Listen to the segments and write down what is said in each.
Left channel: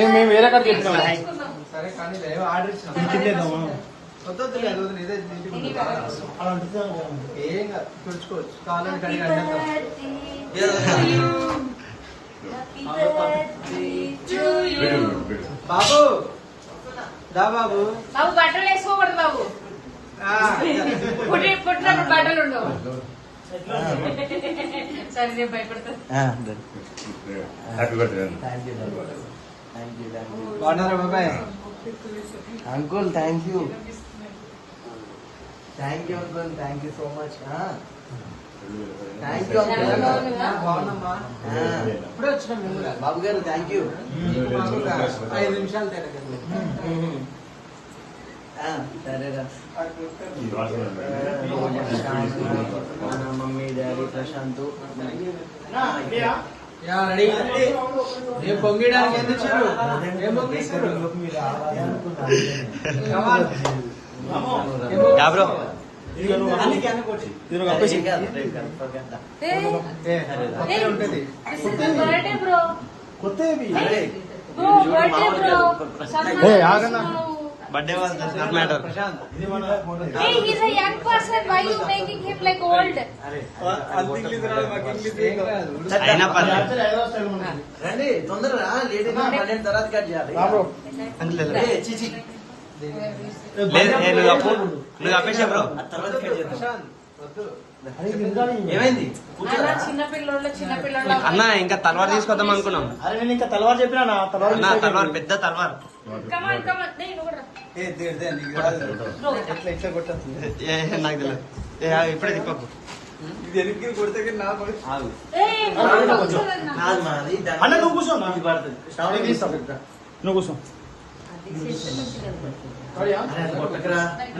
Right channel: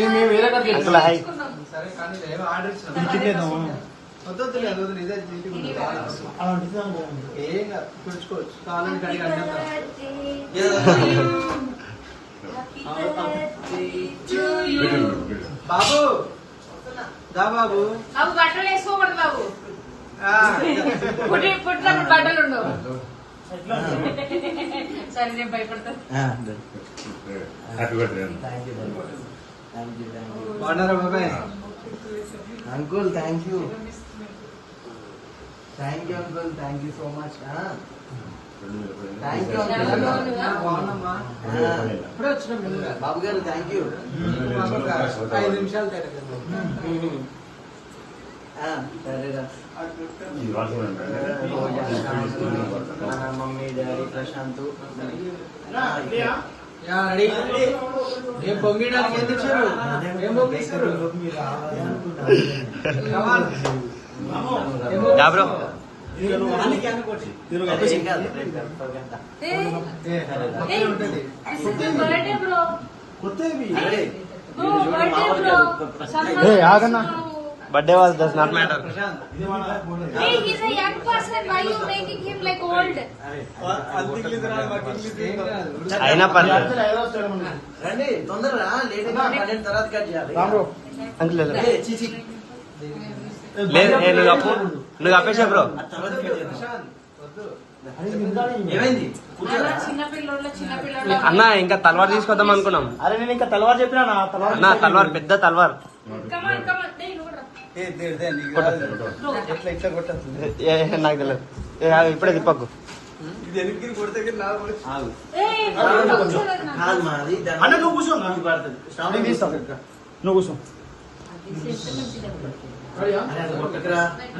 మేము మేము వేరే కాడ అంకుల్ హాయ్ సరే కానీ ఆర్డర్ ఇచ్చిన. వద్దు ఇదే నీట్గా ఉంది. అలా ఏం కాదు కావాలని కడిగి బాబు దా బాబు. బాబు బట్టలు వేసుకోకూడదు బాబు. పుట్టినప్పుడు బట్టలు ఉండవు. సరే నేను భయపడతాను happy birthday thank you thank you thank you బాగున్నారా బాబాయ్ uncle thank you thank you uncle thank you so much thank you uncle బాగున్నామ్మా ఇప్పుడే వచ్చినాం మేము కూడా. బాబు గారు థ్యాంక్ యూ మాకు ఒక ఐదు నిమిషాలు తేడా కదా. సరేరా మన mummy daddy Prashanth yeah, ready? ఏం పొంగిడానికి ఎందుకు ఏం పొంగిస్తారు bro ఆగన్నా. Birthday was does not matter Prashanth Hey, he's a young person. Why you making him like old? ఏం కాదు. అయినా పర్లేదు. రండి తొందరగా లేట్ పన్నెండు తర్వాత కట్ చేయాలి. అంకుల్ లేదు. నువ్వు అప్పు నువ్వు అప్పేసే బ్రో. ఏమైంది? అన్న ఇంకా తల్వార్ తీసుకొద్దాం అనుకున్నాం. అరే నేను ఇంకా తలవారు చెప్పినా నా తలవారు అన్న తల్వార్ పెద్ద తల్వార్. నాకు తెలియదు. ఇప్పుడే తిప్పకు. నువ్వు కూర్చో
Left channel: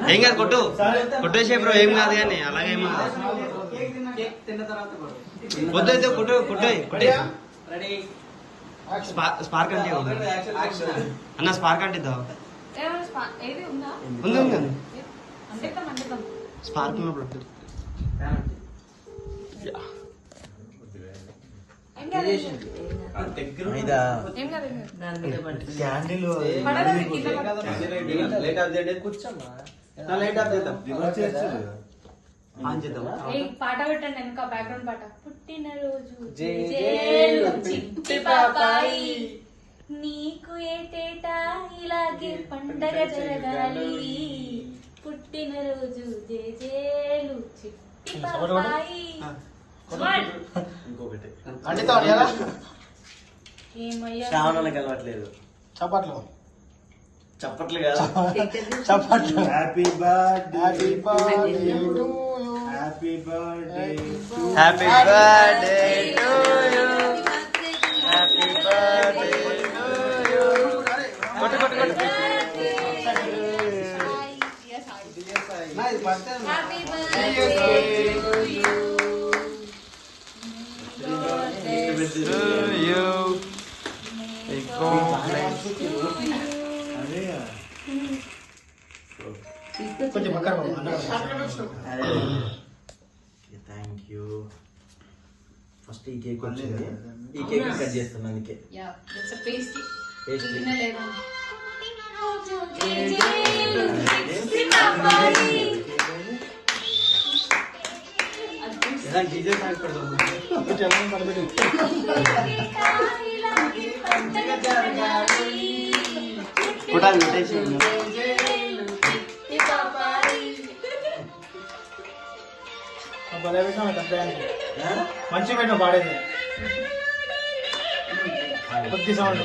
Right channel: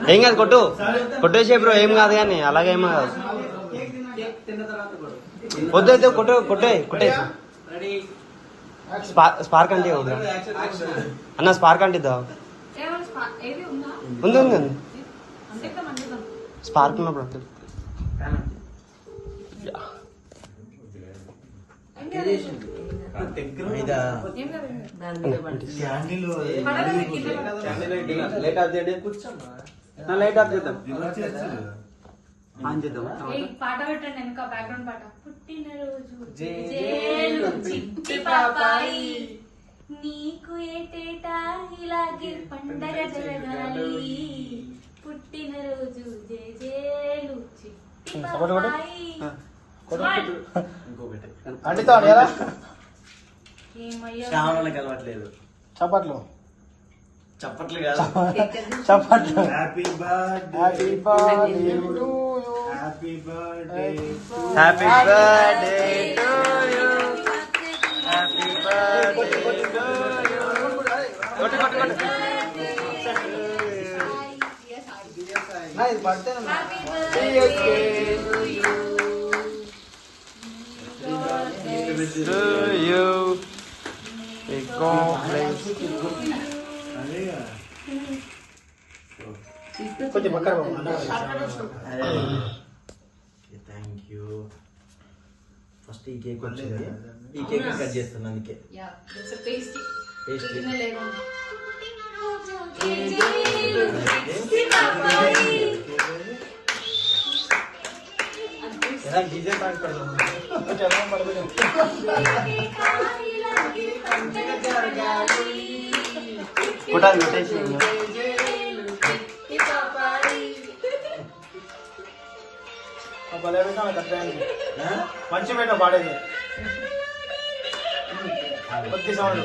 ఏం కాదు. కొట్టు. కొట్టేసే బ్రో ఏం కాదు కానీ అలాగే ఏం కాదు. వద్దు కొట్టు కొట్టే కొట్టే రెడీ స్పార్క్ అంటే అన్న స్పార్క్ అంటే ఉందా? ఉంది. స్పార్క్ ఉన్నప్పుడు. ఏం ఏం. ఏం ఏం. ఏయ్, పాట పెట్టండి వెనక బ్యాక్గ్రౌండ్ పాట. పుట్టినరోజు జేజేలు చిట్టి పాపాయి. నీకు ఏటేటా ఇలాగే పండగ జరగాలి. పుట్టినరోజు జేజేలు చప్పట్లు. చప్పట్లు కాదు. చప్పట్లు. Happy birthday happy birthday happy birthday happy birthday to you పక్కన థ్యాంక్ యూ ఫస్ట్ ఈ కేక్ వచ్చింది ఈ కేక్ కట్ చేస్తాను అందుకే Yeah, it's a pastry. Pastry. తినలేను. జేజేలు చిట్టి పాపాయి. ఎలా డీజే పాడుతాడు చర్మం పడదు పండగ జరగాలి. కొట్టాలి కొట్టేసి చిట్టి పాపాయి. భలే విన్నాం ఇట్లా ప్లాన్ మంచి పోయినా పాడేది కొద్ది సౌండ్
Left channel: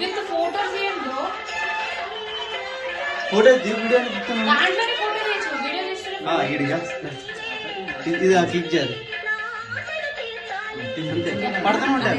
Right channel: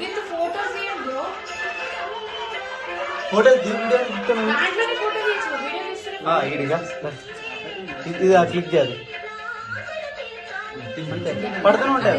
విత్ ఫోటోస్ తీయండి బ్రో? ఫోటో దిగడానికి ఇస్తాను దాంట్లోనే ఫోటో తీయచ్చు వీడియో తీసుకుని ఇది ఆ క్లిక్ చేయాలి. పడుతూనే ఉంటాయి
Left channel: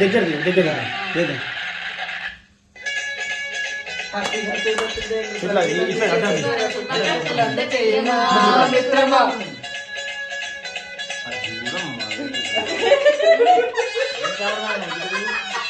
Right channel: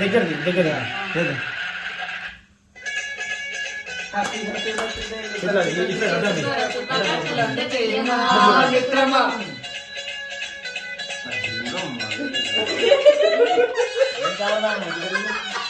దగ్గర దగ్గర ఇట్లా ఇట్లా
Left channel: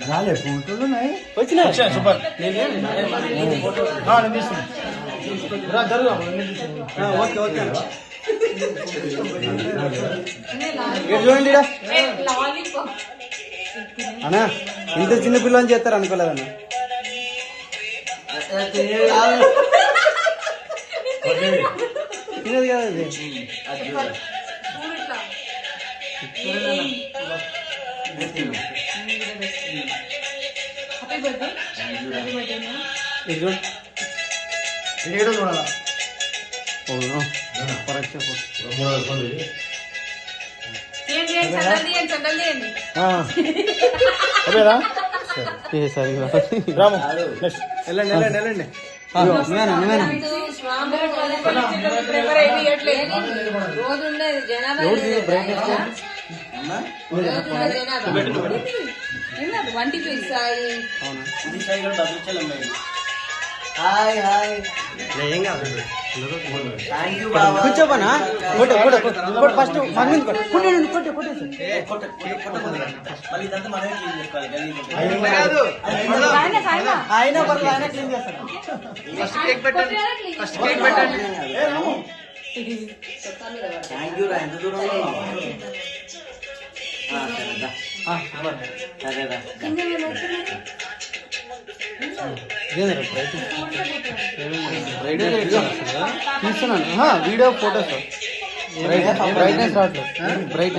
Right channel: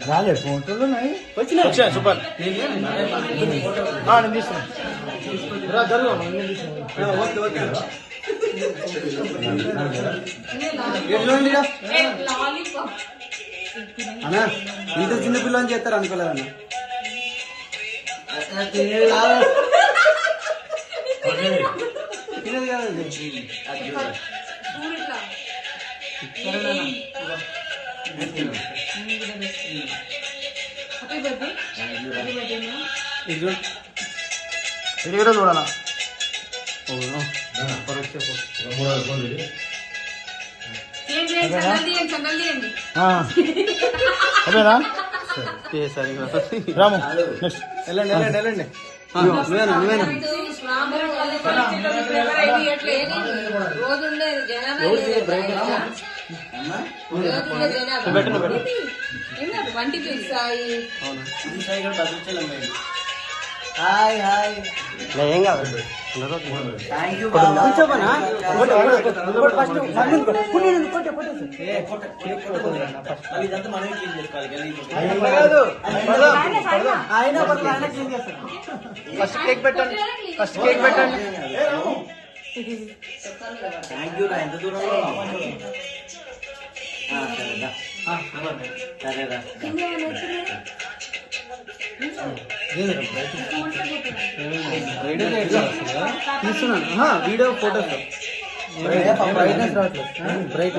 రాలే ఫోటోలు ఉన్నాయి. వచ్చినాయి. Okay okay. చూడండి అన్నా ఇంత చిన్న పిల్లని చేస్తారు అనుకోలేదన్న? తినేది కదా ఇది కూడా చూడాలా? ఏం చేయండి? చందలు తీయండి చందలు తీయండి. వెళ్ళండి వెళ్ళండి వెళ్ళండి వంటి చూస్తాయి హాయ్ హాయ్. ఏం కాదు థ్యాంక్ యూ బాబా. మళ్ళీ ఇదంతా మనమే క్లీన్ చేసుకోవాలి గలీజ్ కాదు. ఫస్ట్ కేక్ పెట్టండి. ఫస్ట్ కేక్ పెట్టండి. థ్యాంక్ యూ రా ఎంత దూరంలో ఉన్నావు? వీడియో ఫోటోస్ బ్రైట్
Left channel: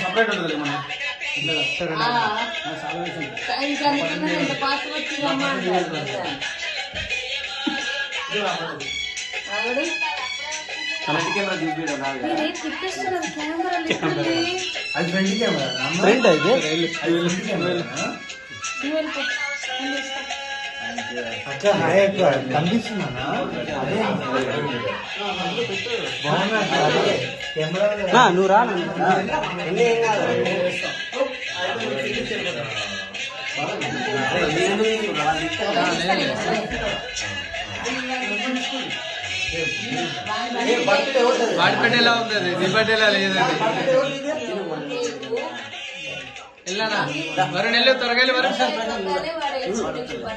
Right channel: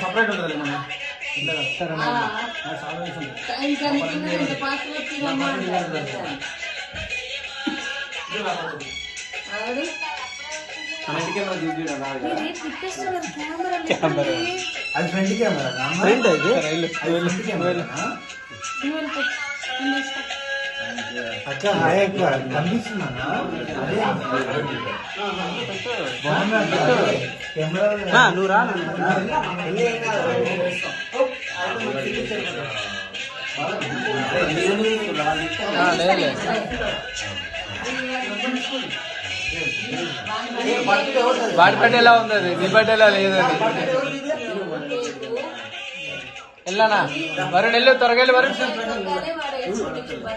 సపరేట్ ఉంటుంది మన సరే పాస్వర్డ్ అక్క హాయ్ అక్క. కనిపిస్తుందా కెమెరా నువ్వు రా లేదు వాడి బట్ట ఎలా ఉందండి నీ బట్ట ఎలా లేదండి? వెళ్ళానా వరుణ్ వెళ్ళు త్వరగా వెళ్ళి వరుణ్.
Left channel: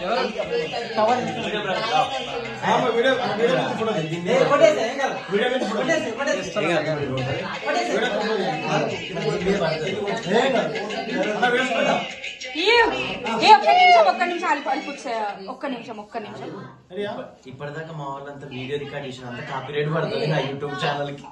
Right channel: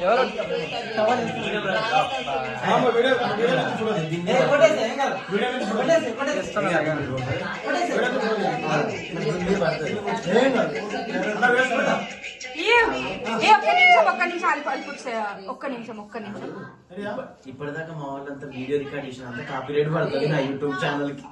ఎవరు? ఒక్క నిమిషం ఒక్క నిమిషం ఒక్క నిమిషం ఒక్క నిమిషం. ఇప్పటిదాకా మా వాళ్ళంతా వీడియో రికార్డ్ చేసిన అంతా కాపీ రేట్ పడుతుంది నా యూట్యూబ్ ఛానల్కి